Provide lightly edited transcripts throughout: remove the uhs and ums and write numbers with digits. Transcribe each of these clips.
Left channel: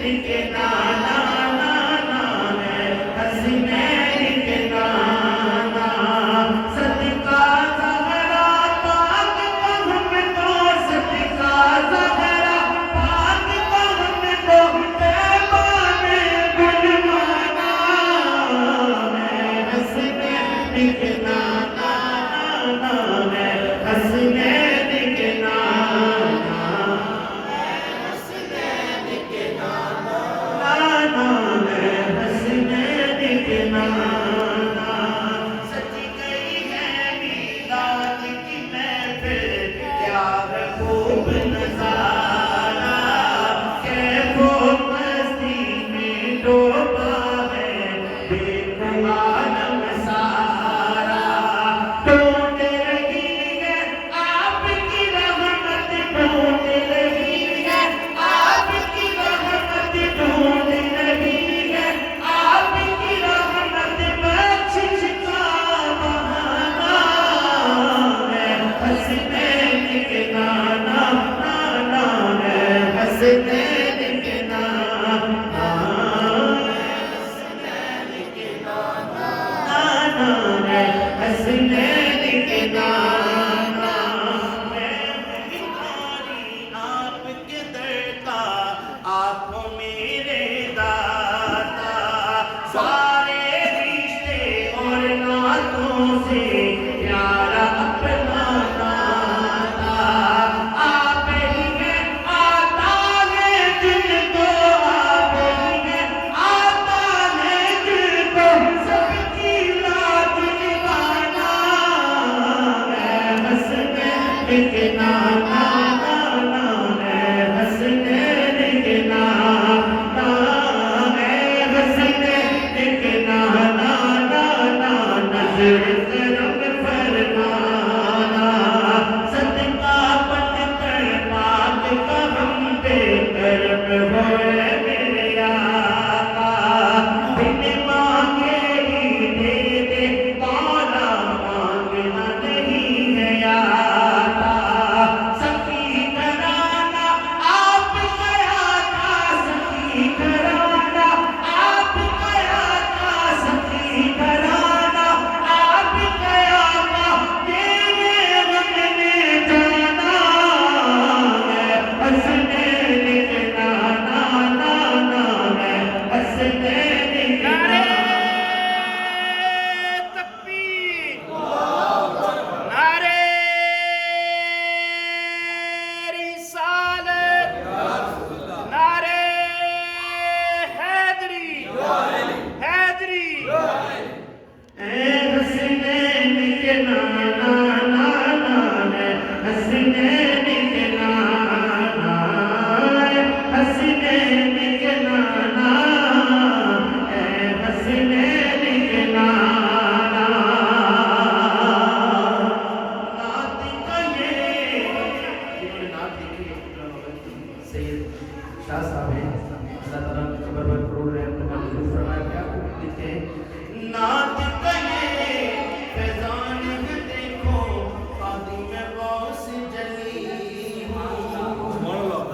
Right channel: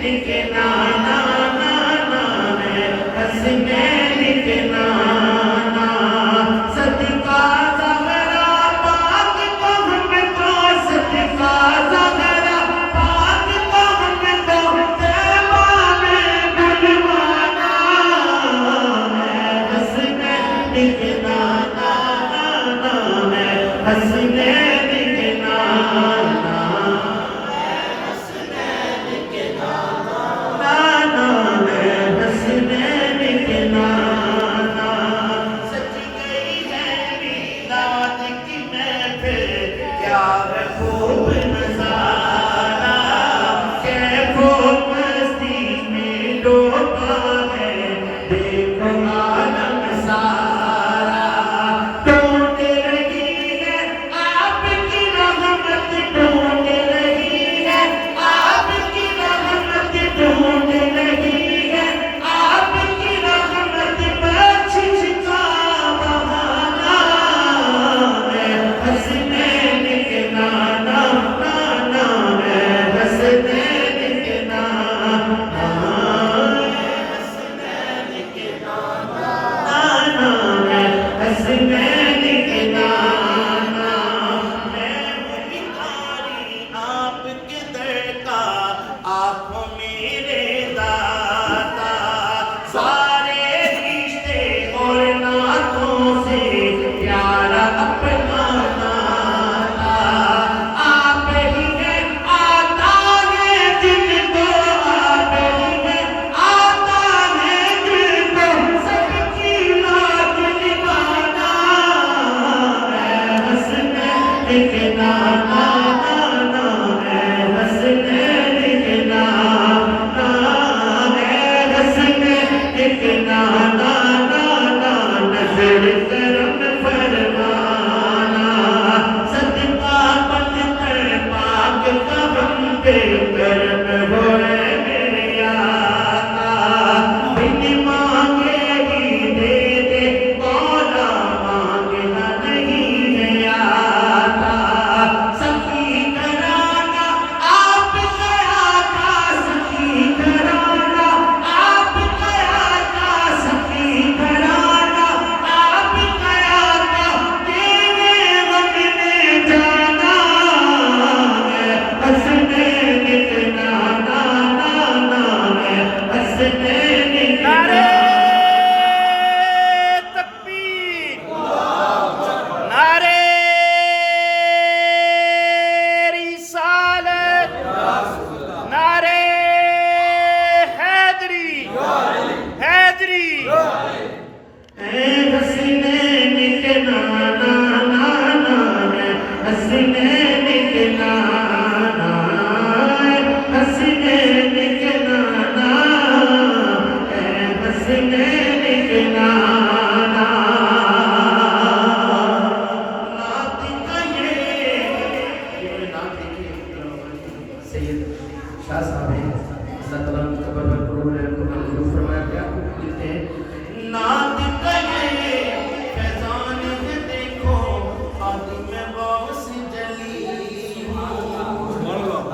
के नाना नाना है हसनैन के नाना सदका ज़हरा पाक को हमको सदका ज़हरा पाक को हमको तैबा में गुलवाना है हसनैन के नाना नाना है हसनैन के नाना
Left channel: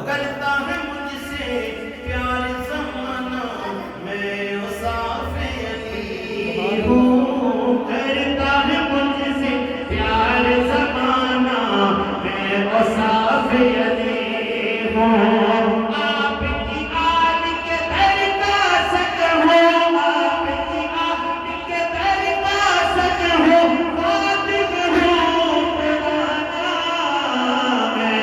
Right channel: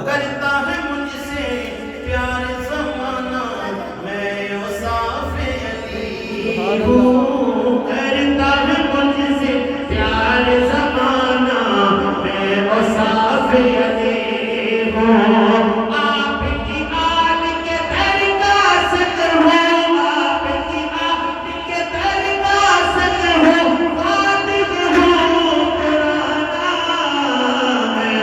करता है मुझसे प्यार ज़माना मैं मुसाफे अली हूँ करता है मुझसे प्यार ज़माना मैं मुसाफे अली हूँ आपकी आल के दर का सकर हूँ आपकी आल के दर का सकर हूँ बात हूँ पुराना मैं